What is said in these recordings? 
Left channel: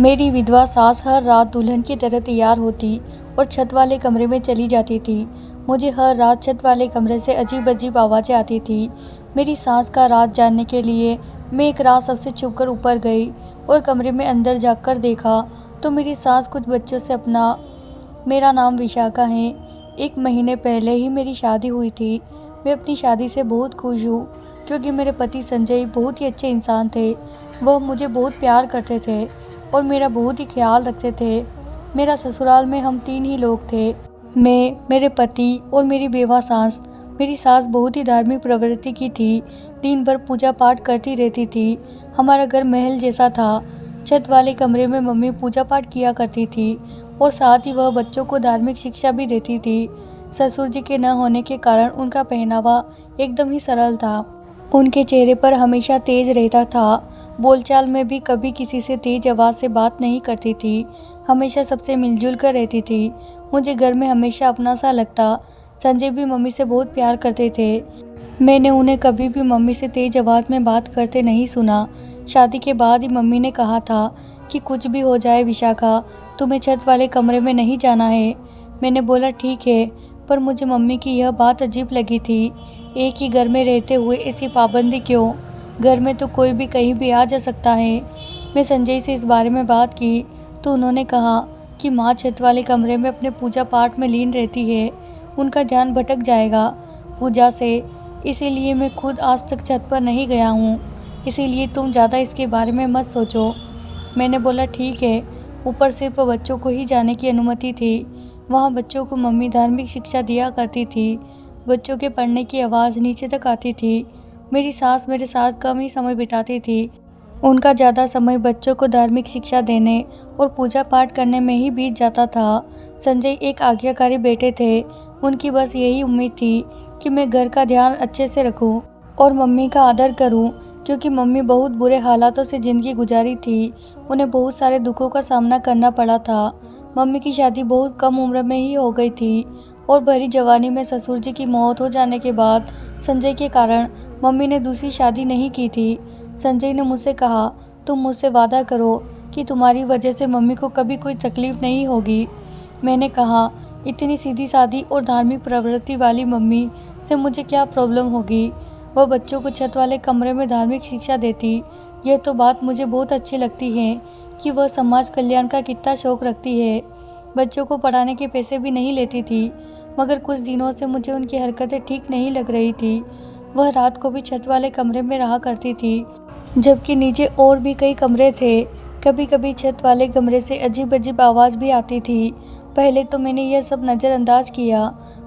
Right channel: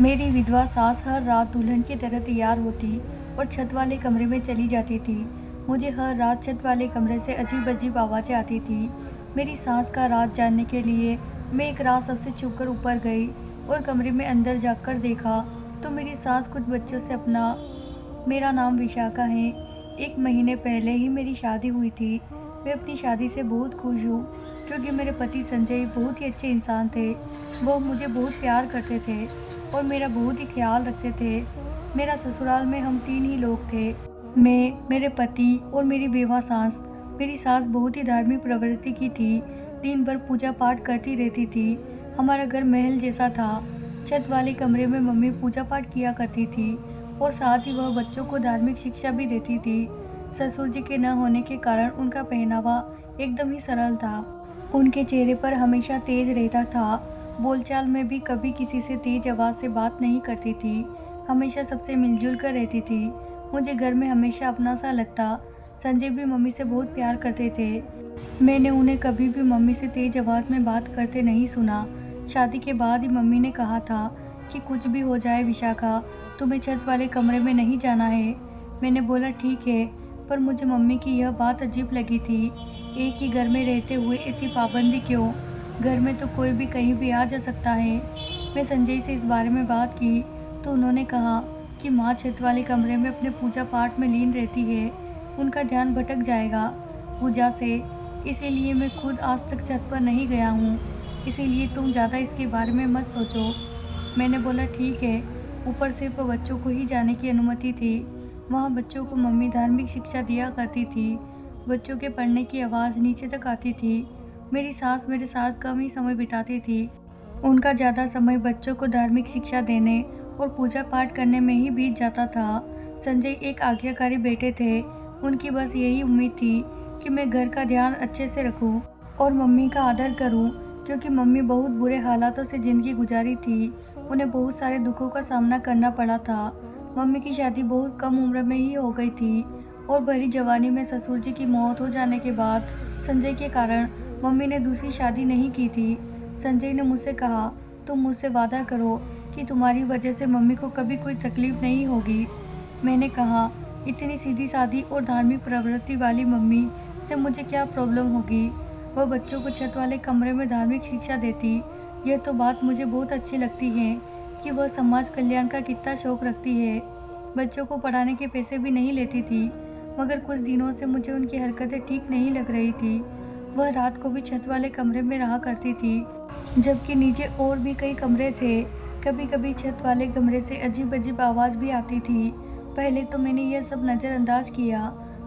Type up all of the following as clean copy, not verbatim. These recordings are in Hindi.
मेरी विधवा सास हर रात दुल्हन की तरह तैयार होती और छत वाले कमरे में चली जाती थी। मुझे हर रात छत वाले कमरे से अजीब अजीब आवाज़ें आती थी। मेरी सास का राज जानने के लिए मैं एक रात सबसे छुपकर ऊपर गई और कमरे में अंदर जाकर देखा तो मेरी सास कुछ बच्चों से अपना मेरा नाम विशाखा है। 1 महीने पहले ही मेरी शादी हुई थी। मैं अपनी शादी से बहुत खुश हूँ क्योंकि मेरे पति संजय बहुत ही अच्छे इंसान थे। वह मुझे बहुत प्यार करते थे और मेरा बहुत ही ख्याल रखते थे। मेरा ससुराल में हम 3 ही लोग थे, मैं, मेरे पति और मेरी बेवा सास। मेरी सास बहुत ही धार्मिक प्रवृत्ति की थी, दिन भर पूजा पाठ करती रहती थी। हमारा घर महल जैसा था। छत वाले कमरे में मम्मी पूजा पाठ किया करती थी और साथ ही वह बच्चों को धार्मिक शिक्षा भी देती थी। ससुर जी के न होने के कारण उनका पहनावा एकदम ही सरल था। उनके चेहरे पर हमेशा तेज रहता था। बोलचाल में भी कभी किसी से तेज आवाज़ से बात नहीं करती थी, हमेशा सबसे मिलजुल कर रहती थी। मुझे घर में हमेशा अपना सा लगता। संजय भी मम्मी से बहुत प्यार करते थे। मैंने उन्हें कभी भी मम्मी से तेज आवाज़ में बात करते नहीं सुना। शादी के बाद ही मम्मी ने कहा था कि कुछ भी हो जाए विशाखा, तुम्हें छत वाले कमरे में नहीं जाना है। मैंने बोला ठीक है, पर मुझे मम्मी की यह बात अजीब लगी थी। एक ही घर में रहते हुए ऐसी पाबंदी क्यों? घर में तो कोई भी कहीं भी आ जा सकता है। मैं संजय से इस बारे में बात की तो उन्होंने कहा कि माँ छत वाले कमरे में अपने पूजा पाठ में लीन रहती है, उनका ध्यान भटक जाएगा पूजा से, इसीलिए मैं खुद आज तक छत पर नहीं गया हूँ। इसीलिए तुम ज़्यादा इसके बारे में मत सोचो। मैंने बोला ठीक है। ऊपर सिर्फ बच्चों को ही जाने की अनुमति थी। वहाँ बच्चों को मम्मी धार्मिक शिक्षा दिया करती थी। बच्चों के पढ़ने की आवाज़ नीचे तक आती थी। मेरी सास मेरे साथ कम ही समय बिताती थी। उनका ज़्यादा समय बच्चों को धार्मिक शिक्षा देने और पूजा पाठ करने में ही बीत जाता था। संजय एक आज्ञाकारी बेटे थे। उनकी बस यही उम्मीद थी कि मैं घर का ध्यान अच्छे से रखूं और मम्मी का आदर करूं, क्योंकि मम्मी बहुत बुरे हालातों से ज़िंदगी गुजारी थी। उन्हें बहुत सारे दुखों का सामना करना पड़ा था। मम्मी की शादी बहुत कम उम्र में ही हो गई थी और भरी जवानी में ससुर जी की मौत हो जाने के बाद संजय के कारण मम्मी ने दूसरी शादी नहीं की थी। संजय ने मुझसे कहा, तुम मुझसे वादा करो कि तुम्हारी वजह से मम्मी को कभी कोई तकलीफ नहीं होगी। मैंने कहा, इतनी सीधी सादी और धार्मिक प्रवृत्ति वाली मम्मी से मुझे क्या प्रॉब्लम होगी? वह बच्चों को छत वाले कमरे में धार्मिक शिक्षा देती। यह तो बात मुझे बहुत अच्छी लगती है कि वह समाज कल्याण का कितना शौक रखती है। बच्चों को पढ़ाने के पैसे भी नहीं लेती थी, मगर कुछ दिनों से मुझे उनकी हरकतें ठीक नहीं लग रही थी। वह रात को भी छत वाले कमरे में रहा करती थी, जबकि नीचे और भी कई कमरे थे। कभी कभी छत वाले कमरे से अजीब अजीब आवाज़ भी आती थी। पहले तो मैंने यह सब नज़रअंदाज किया,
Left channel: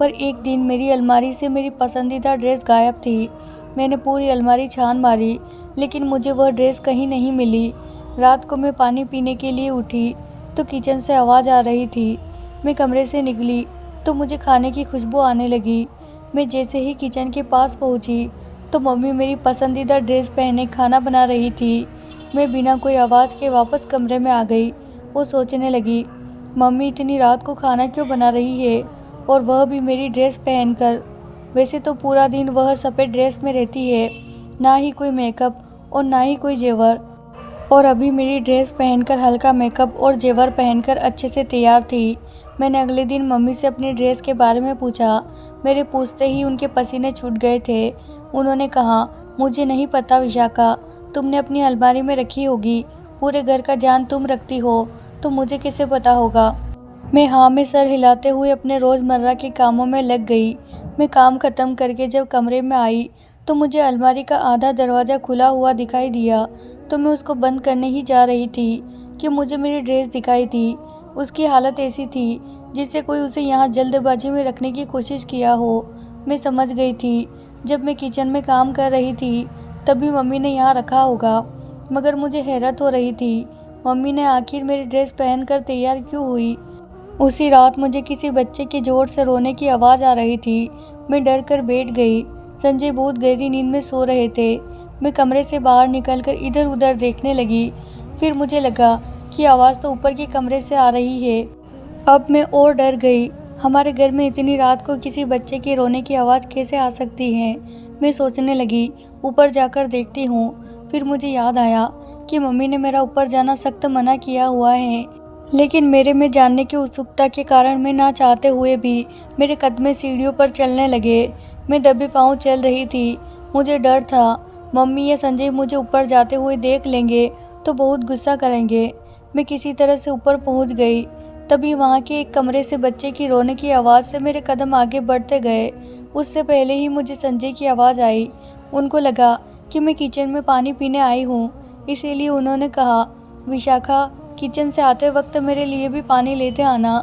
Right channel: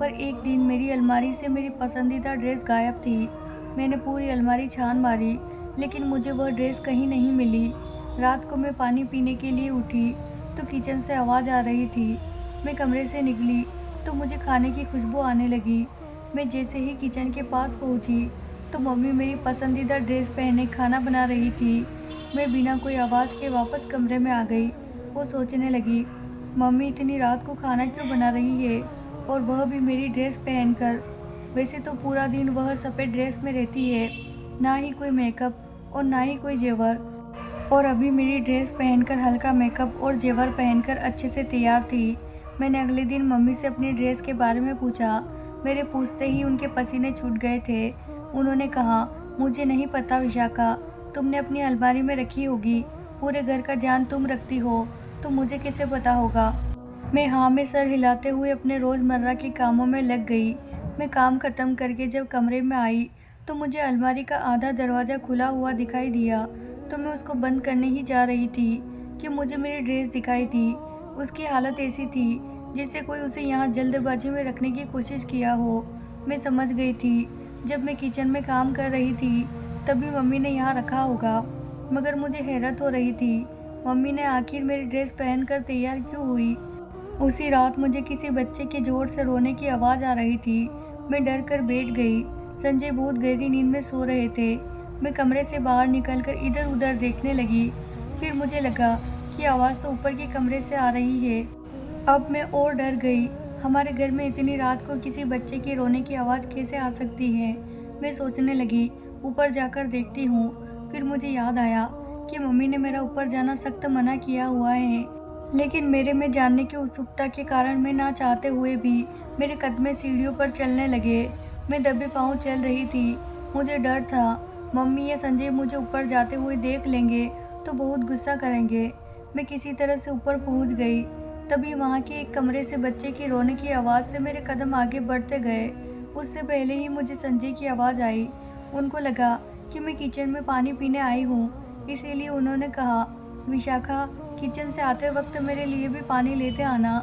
पर एक दिन मेरी अलमारी से मेरी पसंदीदा ड्रेस गायब थी। मैंने पूरी अलमारी छान मारी, लेकिन मुझे वह ड्रेस कहीं नहीं मिली। रात को मैं पानी पीने के लिए उठी तो किचन से आवाज़ आ रही थी। मैं कमरे से निकली तो मुझे खाने की खुशबू आने लगी। मैं जैसे ही किचन के पास पहुंची तो मम्मी मेरी पसंदीदा ड्रेस पहने खाना बना रही थी। मैं बिना कोई आवाज़ के वापस कमरे में आ गई। वो सोचने लगी, मम्मी इतनी रात को खाना क्यों बना रही है, और वह भी मेरी ड्रेस पहनकर। वैसे तो पूरा दिन वह सफ़ेद ड्रेस में रहती है, ना ही कोई मेकअप और ना ही कोई जेवर, और अभी मेरी ड्रेस पहनकर हल्का मेकअप और जेवर पहनकर अच्छे से तैयार थी। मैंने अगले दिन मम्मी से अपनी ड्रेस के बारे में पूछा। मेरे पूछते ही उनके पसीने छूट गए थे। उन्होंने कहा, मुझे नहीं पता विशाखा, तुमने अपनी अलमारी में रखी होगी। पूरे घर का ध्यान तुम रखती हो तो मुझे कैसे पता होगा? मैं हाँ में सर हिलाते हुए अपने रोज़मर्रा के कामों में लग गई। मैं काम खत्म करके जब कमरे में आई तो मुझे अलमारी का आधा दरवाज़ा खुला हुआ दिखाई दिया। तो मैं उसको बंद करने ही जा रही थी कि मुझे मेरी ड्रेस दिखाई दी। उसकी हालत ऐसी थी जिससे कोई उसे यहाँ जल्दबाजी में रखने की कोशिश किया हो। मैं समझ गई थी, जब मैं किचन में काम कर रही थी तभी मम्मी ने यहाँ रखा होगा। मगर मुझे हैरत हो रही थी, मम्मी ने आखिर मेरी ड्रेस पहनकर तैयार क्यों हुई? उसी रात मुझे किसी बच्चे के जोर से रोने की आवाज़ आ रही थी। मैं डर कर बैठ गई। संजय बहुत गहरी नींद में सो रहे थे। मैं कमरे से बाहर निकलकर इधर उधर देखने लगी। फिर मुझे लगा कि आवाज़ तो ऊपर के कमरे से आ रही है। अब मैं और डर गई। हमारे घर में इतनी रात को किसी बच्चे के रोने की आवाज़ कैसे आ सकती है? मैं सोचने लगी, ऊपर जाकर देखती हूँ। फिर मुझे याद आया कि मम्मी ने मेरा ऊपर जाना सख्त मना किया हुआ है, लेकिन मेरे में जानने की उत्सुकता के कारण मैं ना चाहते हुए भी मेरे कदम सीढ़ियों पर चलने लगे। मैं दबे पाँव चल रही थी। मुझे डर था मम्मी या संजय मुझे ऊपर जाते हुए देख लेंगे तो बहुत गुस्सा करेंगे। मैं किसी तरह से ऊपर पहुंच गई। तभी वहां के एक कमरे से बच्चे की रोने की आवाज़ से मेरे कदम आगे बढ़ते गए। उससे पहले ही मुझे संजय की आवाज़ आई। उनको लगा कि मैं किचन में पानी पीने आई हूँ, इसीलिए उन्होंने कहा, विशाखा, किचन से आते वक्त मेरे लिए भी पानी लेते आना।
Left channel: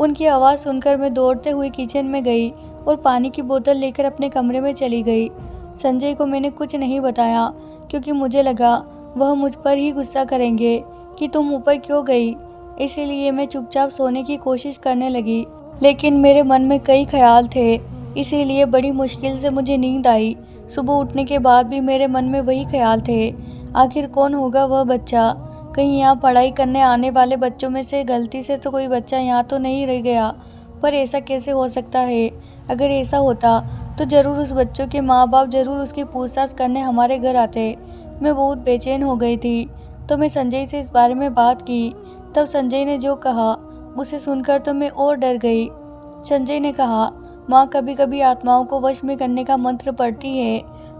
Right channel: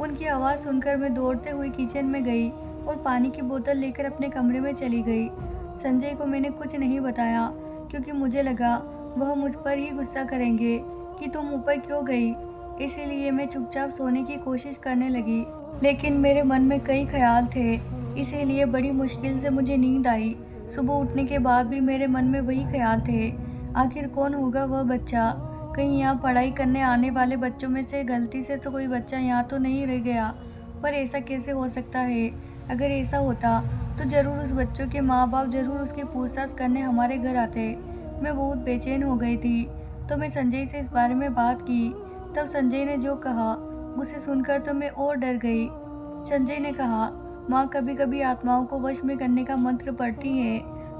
उनकी आवाज़ सुनकर मैं दौड़ते हुए किचन में गई और पानी की बोतल लेकर अपने कमरे में चली गई। संजय को मैंने कुछ नहीं बताया क्योंकि मुझे लगा वह मुझ पर ही गुस्सा करेंगे कि तुम ऊपर क्यों गई। इसीलिए मैं चुपचाप सोने की कोशिश करने लगी, लेकिन मेरे मन में कई ख्याल थे, इसीलिए बड़ी मुश्किल से मुझे नींद आई। सुबह उठने के बाद भी मेरे मन में वही ख्याल थे। आखिर कौन होगा वह बच्चा? कहीं यहाँ पढ़ाई करने आने वाले बच्चों में से गलती से तो कोई बच्चा यहाँ तो नहीं रह गया? पर ऐसा कैसे हो सकता है? अगर ऐसा होता तो ज़रूर उस बच्चों के माँ बाप ज़रूर उसकी पूछताछ करने हमारे घर आते। मैं बहुत बेचैन हो गई थी, तो मैं संजय से इस बारे में बात की। तब संजय ने जो कहा उसे सुनकर तो मैं और डर गई। संजय ने कहा, माँ कभी कभी आत्माओं को वश में करने का मंत्र पढ़ती है,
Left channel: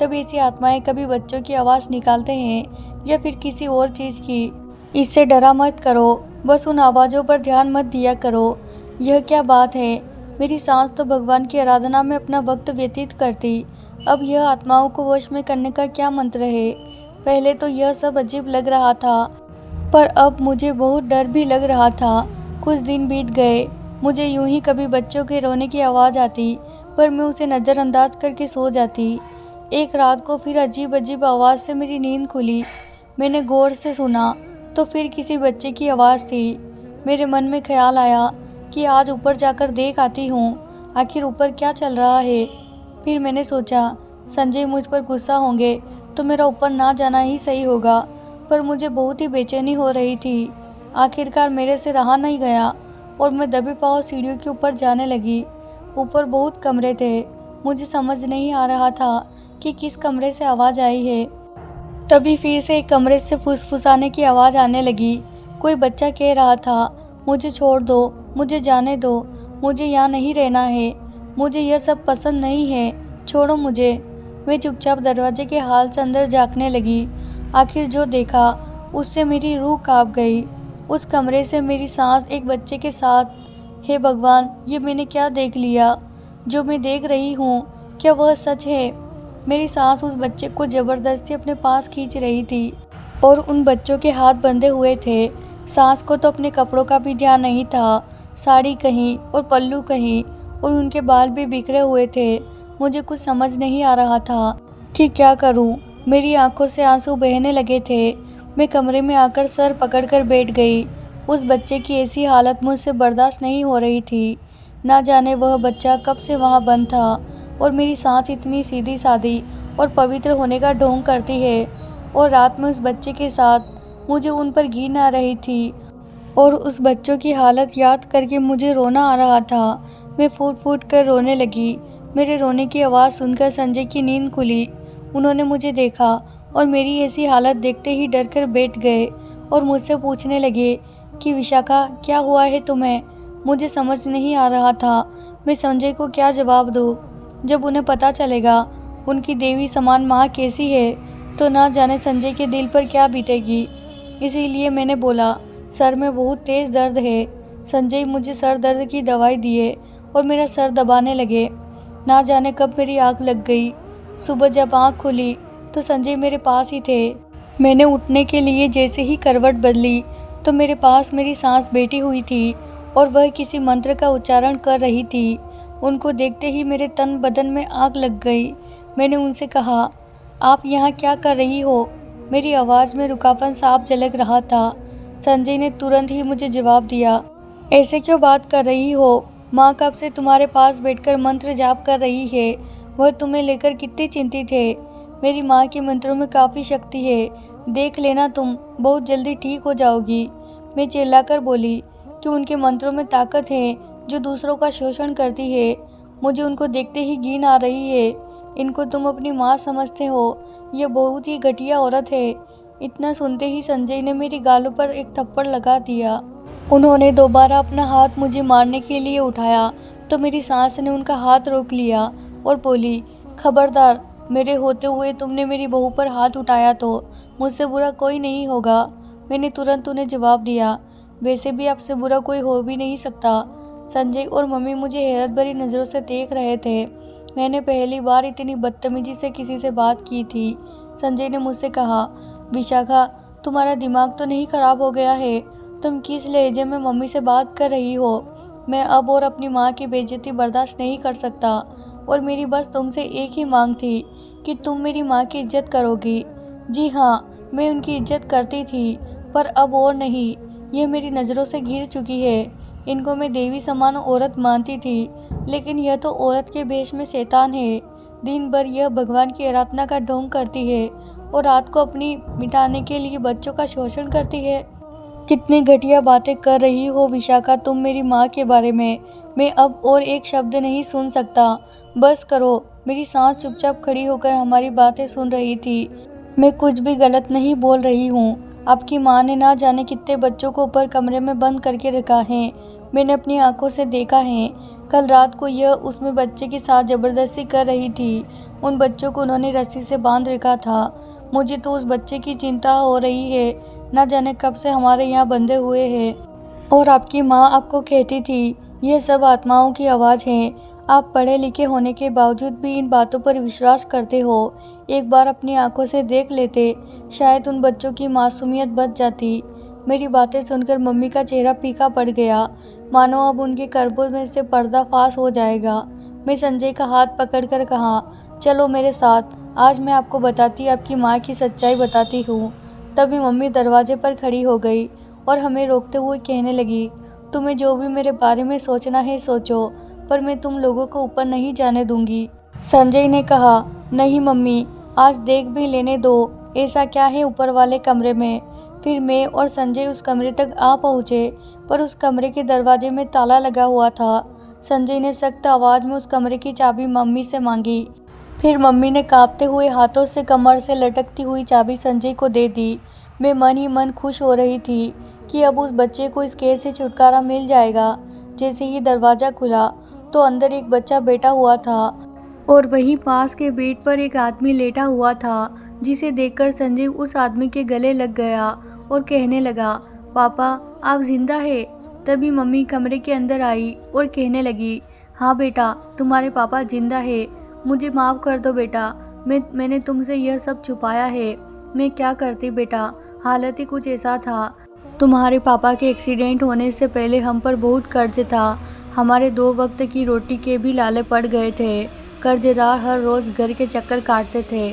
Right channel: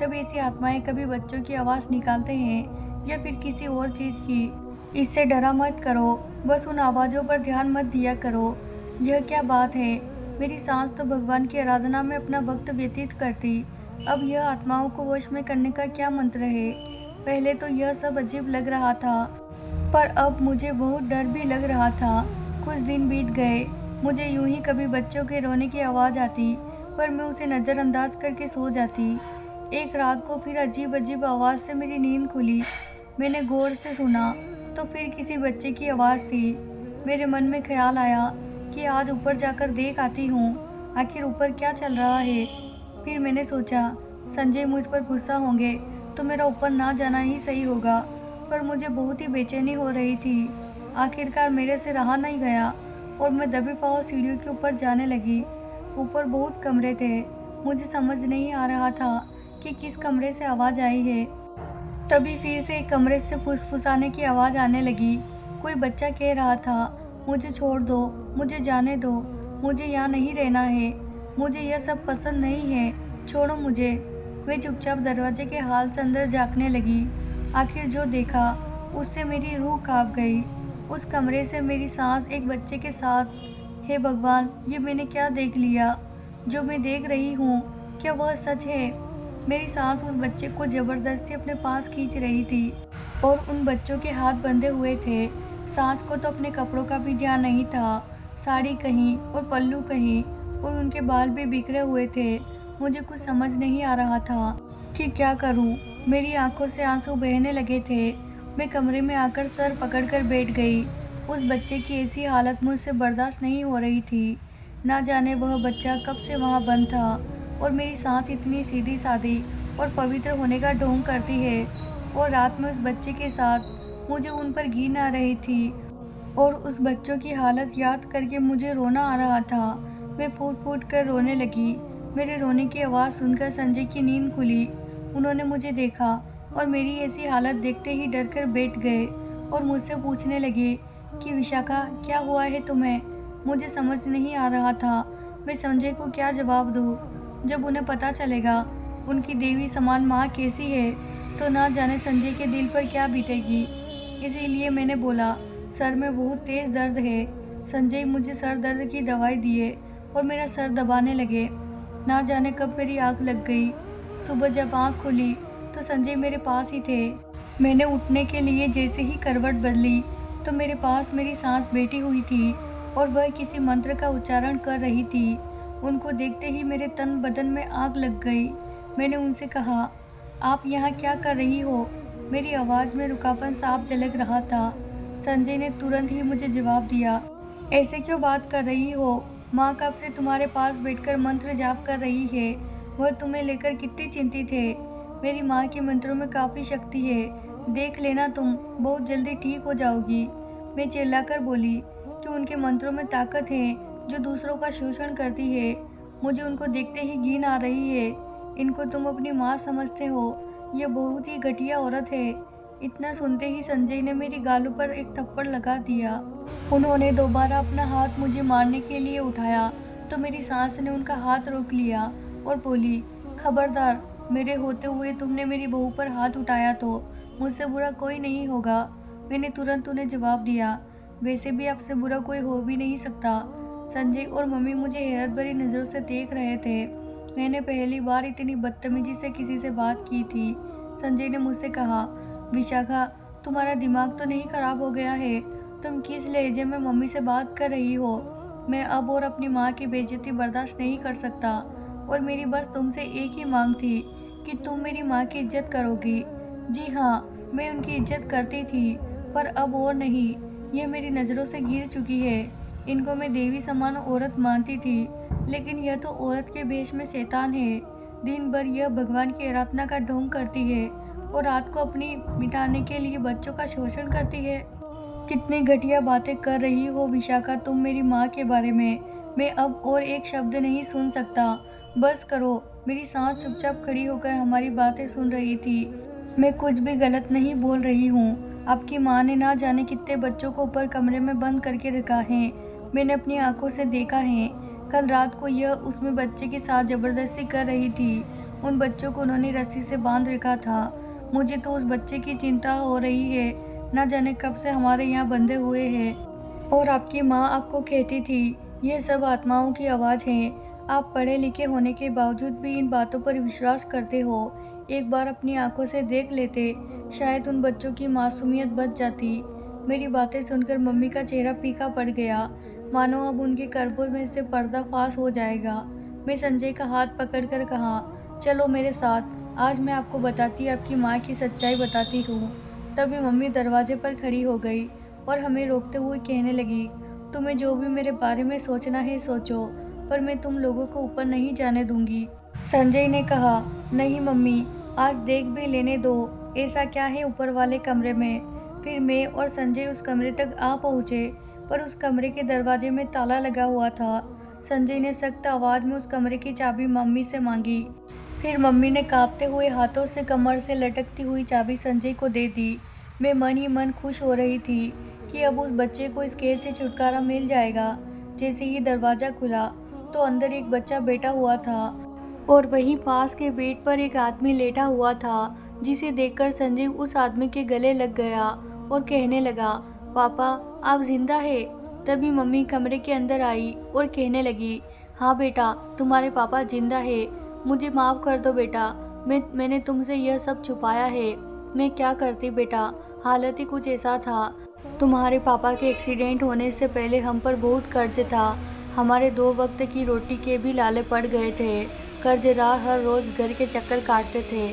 तब ऐसी आत्माएं कभी बच्चों की आवाज़ निकालते हैं या फिर किसी और चीज़ की। इससे डरा मत करो, बस उन आवाज़ों पर ध्यान मत दिया करो। यह क्या बात है? मेरी सांस तो भगवान की आराधना में अपना वक्त व्यतीत करती, अब यह आत्माओं को वश में करने का क्या मंत्र है? पहले तो यह सब अजीब लग रहा था, पर अब मुझे बहुत डर भी लग रहा था। कुछ दिन बीत गए। मुझे यूं ही कभी बच्चों के रोने की आवाज़ आती, पर मैं उसे नज़रअंदाज करके सो जाती। एक रात को फिर अजीब अजीब आवाज़ से मेरी नींद खुली। मैंने गौर से सुना तो फिर किसी बच्चे की आवाज़ थी। मेरे मन में ख्याल आया कि आज ऊपर जाकर देख आती हूँ, आखिर ऊपर क्या चल रहा है। फिर मैंने सोचा संजय मुझ पर गुस्सा होंगे तो मेरा ऊपर ना जाना ही सही होगा, पर मुझे बहुत ही बेचैनी हो रही थी। आखिरकार मेरे से रहा नहीं गया और मैं दबे पाँव सीढ़ियों के ऊपर जाने लगी। ऊपर बहुत कमरे थे, मुझे समझ नहीं आ रहा था कि किस कमरे से आवाज़ आई है। तभी फिर से एक कमरे से फुसफुसाने की आवाज़ आने लगी। कोई बच्चा कह रहा था, मुझे छोड़ दो, मुझे जाने दो, मुझे यहाँ नहीं रहना है, मुझे यह सब पसंद नहीं है, छोड़ो मुझे। मैं चुपचाप दरवाजे के हाल से अंदर झाँकने लगी। आखिर जो देखा उससे मेरी रूह कांप गई। उस कमरे से मेरी सांस एक बच्चे के साथ। हे भगवान, ये मैंने क्या देख लिया? जो मैं देख रही हूँ क्या वह सच है? मेरी सांस उस बच्चे को ज़बरदस्ती अपने पास खींच रही थी और उन बच्चों के हाथ बंधे हुए थे। सांस को तो अपने कपड़ों का भी ध्यान नहीं था, साड़ी कहीं और पल्लू कहीं, और उनके बाल भी बिखरे हुए थे। मुझे कुछ समझ नहीं आ रहा था कि क्या करूं। मेरी आंखों से आंसू बहने लगे थे। मैं कमरे में आकर सर पकड़कर बैठ गई। उस बच्चे की ऐसी हालत मुझसे बर्दाश्त नहीं हो रही थी। ना जाने वह बच्चा कब से वहाँ बंद था, और मेरी सांस इतनी सीधी सादी और पवित्र होने का ढोंग करती है, और रात में उस बच्चे के साथ मुझे उन पर घिन आ रही थी, और उस बच्चों की हालत याद करके मुझे रोना आ रहा था। मैं फूट फूट कर रोने लगी। मेरे रोने की आवाज़ सुनकर संजय की नींद खुली। उन्होंने मुझे देखा और मेरी ऐसी हालत देखते ही डर कर बैठ गए और मुझसे पूछने लगे कि विशाखा, क्या हुआ है तुम्हें? मुझे समझ नहीं आ रहा था मैं संजय को क्या जवाब दूँ। जब उन्हें पता चलेगा उनकी देवी समान माँ कैसी है तो ना जाने संजय के दिल पर क्या बीतेगी। इसीलिए मैंने बोला, सर में बहुत तेज़ दर्द है। संजय मुझे सर दर्द की दवाई दिए और मेरा सर दबाने लगे। ना जाने कब मेरी आँख लग गई। सुबह जब आँख खुली तो संजय मेरे पास ही थे। मैंने उठने के लिए जैसे ही करवट बदली तो मेरे पास मेरी सांस बैठी हुई थी और वह किसी मंत्र का उच्चारण कर रही थी। उनको देखते ही मेरे तन बदन में आग लग गई। मैंने उनसे कहा, आप यहाँ क्या कर रही हो? मेरी आवाज़ में रुखापन साफ झलक रहा था। संजय ने तुरंत ही मुझे जवाब दिया, ऐसे क्यों बात कर रही हो? माँ कब से तुम्हारे पास बैठकर मंत्र जाप कर रही है। वह तुम्हें लेकर कितनी चिंतित है। मेरी माँ के मंत्रों में काफ़ी शक्ति है, देख लेना, तुम बहुत जल्दी ठीक हो जाओगी। मैं चिल्लाकर बोली कि उनके मंत्रों में ताकत है जो दूसरों का शोषण करती है। मुझे उनको देखते ही घिन आ रही है। इनको तुम अपनी माँ समझते हो, यह बहुत ही घटिया औरत है। इतना सुनते ही संजय ने मेरी गालों पर एक थप्पड़ लगा दिया। उन्होंने दोबारा अपना हाथ मुझे मारने के लिए उठाया तो मेरी सास ने उनका हाथ रोक लिया और बोली, खबरदार, मेरे होते हुए तुमने मेरी बहू पर हाथ उठाया तो मुझसे बुरा कोई नहीं होगा। मैंने तुरंत उन्हें जवाब दिया, वैसे भी आपसे बुरा कोई हो भी नहीं सकता। संजय और मम्मी मुझे हैरत भरी नज़रों से देख रहे थे। मैंने पहली बार इतनी बदतमीजी से किसी से बात की थी। संजय ने मुझसे कहा, विशाखा, तुम्हारा दिमाग तो नहीं खराब हो गया है? तुम किस लहजे में मम्मी से बात कर रही हो? मैं अब और अपनी माँ की बेइज्जती बर्दाश्त नहीं कर सकता और मेरी बस तुमसे एक ही मांग थी कि तुम मेरी माँ की इज्जत करोगी। जी हाँ, मैं उनकी इज्जत करती थी, पर अब और नहीं। ये मेरी नज़रों से गिर चुकी है। इनको मैं देवी समान औरत मानती थी, लेकिन यह तो औरत के भेष में शैतान है। दिन भर यह भगवान की आराधना का ढोंग करती है और रात को अपनी मिटाने के लिए बच्चों का शोषण करती है। कितनी घटिया बातें कर रही हो विशाखा तुम मेरी माँ के बारे में। मैं अब और एक शब्द नहीं सुन सकता। बस करो। मेरी सास चुपचाप खड़ी होकर हमारी बातें सुन रही थी। मैं कुछ भी गलत नहीं बोल रही हूँ। आपकी माँ ने ना जाने कितने बच्चों को ऊपर कमरे में बंद करके रखा है। मैंने अपनी आंखों से देखा है। कल रात को यह उसमें बच्चे के साथ ज़बरदस्ती कर रही थी। उन बच्चों को उन्होंने रस्सी से बांध रखा था। मुझे तो उस बच्चे की चिंता हो रही है। ना जाने कब से हमारे यहाँ बंधे हुए हैं। और आपकी माँ आपको कहती थी, यह सब आत्माओं की आवाज़ है। आप पढ़े लिखे होने के बावजूद भी इन बातों पर विश्वास करते हो। एक बार अपनी आंखों से देख लेते, शायद उन बच्चों की मासूमियत बच जाती। मेरी बातें सुनकर मम्मी का चेहरा फीका पड़ गया, मानो अब उनके कर्बों में से पर्दाफाश हो जाएगा। मैं संजय का हाथ पकड़कर कहा, चलो मेरे साथ, आज मैं आपको बताती, आपकी माँ की सच्चाई बताती हूँ। तभी मम्मी दरवाजे पर खड़ी हो गई और हमें रोकते हुए कहने लगी, तुम्हें जो भी मेरे बारे में सोचना है सोचो, पर मैं तुम लोगों को ऊपर नहीं जाने दूंगी। संजय ने कहा, नहीं मम्मी, आज देख भी लेने दो, ऐसा क्या है ऊपर वाले कमरे में। फिर मैं और संजय उस कमरे तक आ पहुँचे, पर उस कमरे के दरवाजे में ताला लगा हुआ था। संजय ने सख्त आवाज़ में उस कमरे की चाबी मम्मी से मांगी। फिर मम्मी ने कांपते हुए हाथों से कमर से लटकती हुई चाबी संजय को दे दी। मैं मन ही मन खुश हो रही थी कि अब उस बच्चे को इस कैद से छुटकारा मिल जाएगा। जैसे ही दरवाज़ा खुला तो अंदर एक बच्चा बैठा हुआ था और वहीं पास के बेड पर एक आदमी लेटा हुआ था, जिसे देखकर संजय उस आदमी के गले लग गया और कहने लगा, पापा, आप जिंदा है। तभी मम्मी कमरे के अंदर आई और कहने लगी, हाँ बेटा, तुम्हारे पापा जिंदा है। मुझे माफ़ कर दो बेटा, मैंने तुमसे यह सब छुपाया है। मैं क्या करती बेटा, हालत ही कुछ ऐसा था। तुम्हारे पापा के एक्सीडेंट होने से पहले हम पर बहुत कर्ज था। हमारे 2 वक्त की रोटी के भी लाले पड़ गए थे। कर्जदार हर रोज़ घर के चक्कर काटते थे।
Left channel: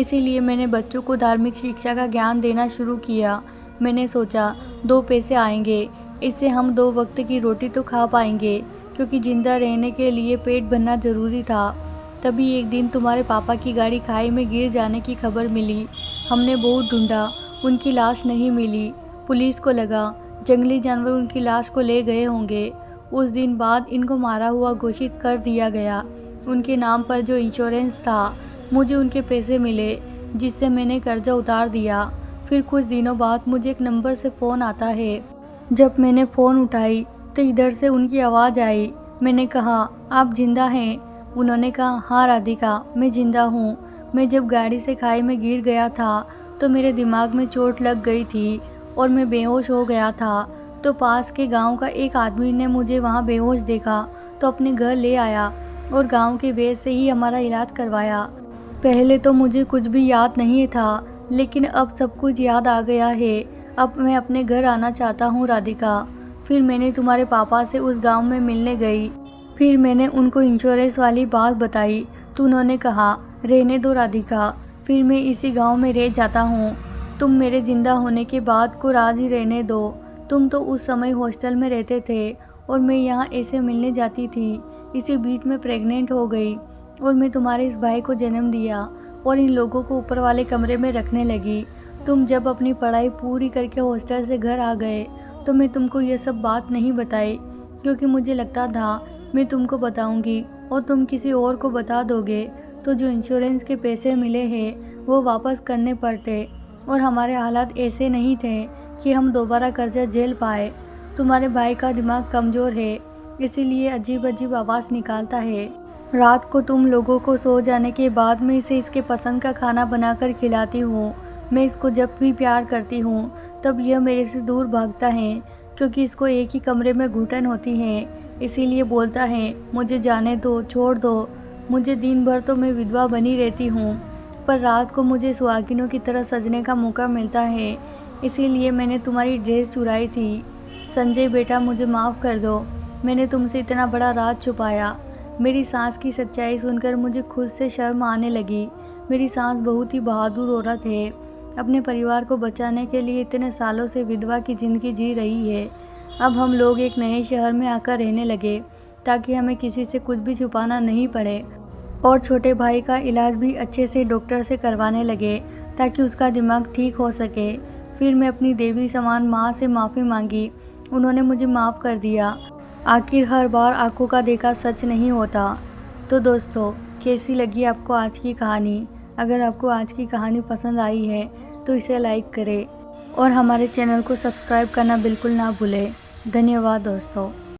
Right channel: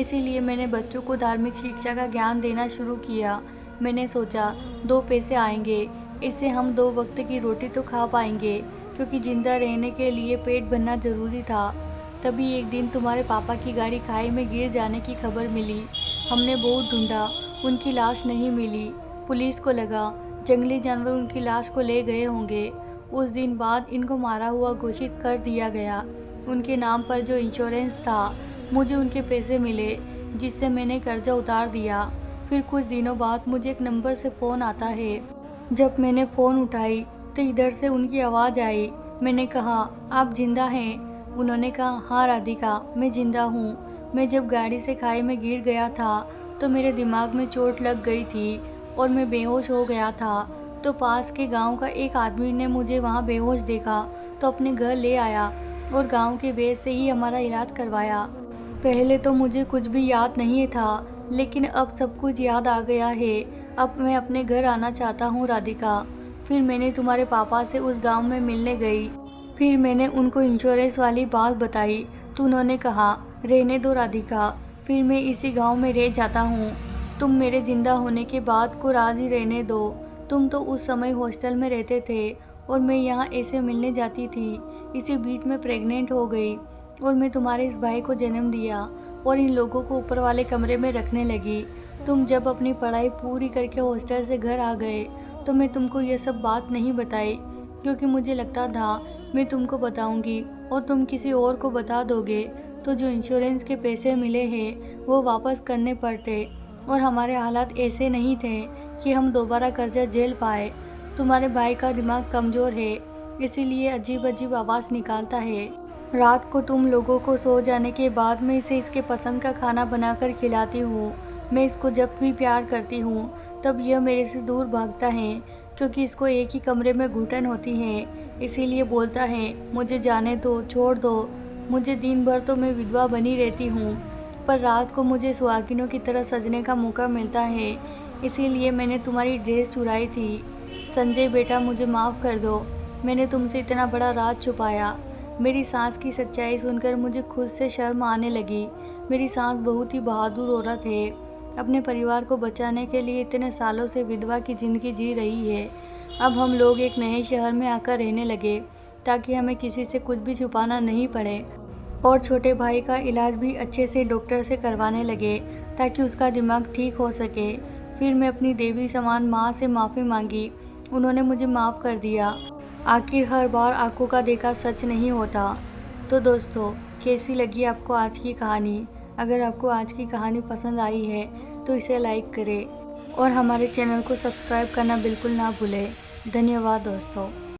इसीलिए मैंने बच्चों को धार्मिक शिक्षा का ज्ञान देना शुरू किया। मैंने सोचा 2 पैसे आएंगे, इससे हम 2 वक्त की रोटी तो खा पाएंगे, क्योंकि जिंदा रहने के लिए पेट भरना ज़रूरी था। तभी एक दिन तुम्हारे पापा की गाड़ी खाई में गिर जाने की खबर मिली। हमने बहुत ढूंढा, उनकी लाश नहीं मिली। पुलिस को लगा जंगली जानवर उनकी लाश को ले गए होंगे। उस दिन बाद इनको मारा हुआ घोषित कर दिया गया। उनके नाम पर जो इंश्योरेंस था, मुझे उनके पैसे मिले, जिससे मैंने कर्जा उतार दिया। फिर कुछ दिनों बाद मुझे एक नंबर से फ़ोन आता है। जब मैंने फ़ोन उठाई तो इधर से उनकी आवाज़ आई। मैंने कहा, आप जिंदा हैं? उन्होंने कहा, हाँ राधिका, मैं जिंदा हूँ। मैं जब गाड़ी से खाई में गिर गया था तो मेरे दिमाग में चोट लग गई थी और मैं बेहोश हो गया था। तो पास के गांव का एक आदमी ने मुझे वहां बेहोश देखा तो अपने घर ले आया और गांव के वैद्य से ही हमारा इलाज करवाया। पहले तो मुझे कुछ भी याद नहीं था, लेकिन अब सब कुछ याद आ गया है। अब मैं अपने घर आना चाहता हूँ राधिका। फिर मैंने तुम्हारे पापा से उस गांव में मिलने गई। फिर मैंने उनको इंश्योरेंस वाली बात बताई तो उन्होंने कहा, रहने दो राधिका, फिर मैं इसी गांव में रह जाता हूँ। तुम मेरे ज़िंदा होने के बाद को राज़ी रहने दो। तुम तो उस समय हॉस्टल में रहते थे और मैं यहाँ ऐसे मिलने जाती थी। इसी बीच में प्रेग्नेंट हो गई और मैं तुम्हारे इस भाई को जन्म दिया और इन लोगों को ऊपर वाले कमरे में रखने लगी। तुम जब अपनी पढ़ाई पूरी करके हॉस्टल से घर आ गए तो मैं तुमको ये सब बात नहीं बताई, क्योंकि मुझे लगता था मैं तुमको बताऊंगी और तुम किसी और को बता दोगे तो जो इंश्योरेंस के पैसे मिले हैं वो वापस करने पड़ते। और हमारे हालात ऐसे नहीं थे कि हम दोबारा कर्जा झेल पाए। तुम्हारे भाई का दिमाग कमज़ोर है, इसीलिए अजीब अजीब आवाज़ निकालता है। रात को तुम लोगों को सो जाने के बाद मैं इसे इसके पसंद का खाना बनाकर खिलाती हूँ। मैं इसको जब भी प्यार करती हूँ तब यह मेरे से दूर भागता है, क्योंकि इसको एक ही कमरे में घुटन होती है। इसीलिए बोलता है, मुझे जाने दो, छोड़ दो मुझे। दिन भर तो मैं विधवा बनी रहती हूँ, पर रात को मुझे सुहागिनों की तरह सजने का मौका मिलता है। इसीलिए मैंने तुम्हारी ड्रेस चुराई थी। संजय बेटा, मुझे माफ़ कर दो, मैंने तुमसे इतना बड़ा राज छुपाया। मेरी सास की सच्चाई सुनकर मुझे खुद से शर्म आने लगी। मेरी सास बहुत ही बहादुर औरत है, अपने परिवार को बचाने के लिए इतने सालों से विधवा की ज़िंदगी जी रही है। अब हम लोग एक नए शहर में आकर रहने लगे ताकि हमें किसी से कुछ भी छुपाना नहीं पड़े, और छोटे भाई का इलाज भी अच्छे से डॉक्टर से करवाने लगे ताकि उसका दिमाग ठीक हो सके। फिर मैं अपनी देवी समान माँ से माफ़ी मांगी, उन्होंने मुझे माफ़ कर दिया। आखिर हर बार आंखों का देखा सच नहीं होता। तो दोस्तों, कैसी लगी आपको आज की कहानी? अगर आपको आज की कहानी पसंद आई है तो इसे लाइक करें और हमारे चैनल को सब्सक्राइब करना बिल्कुल ना भूलें। धन्यवाद दोस्तों।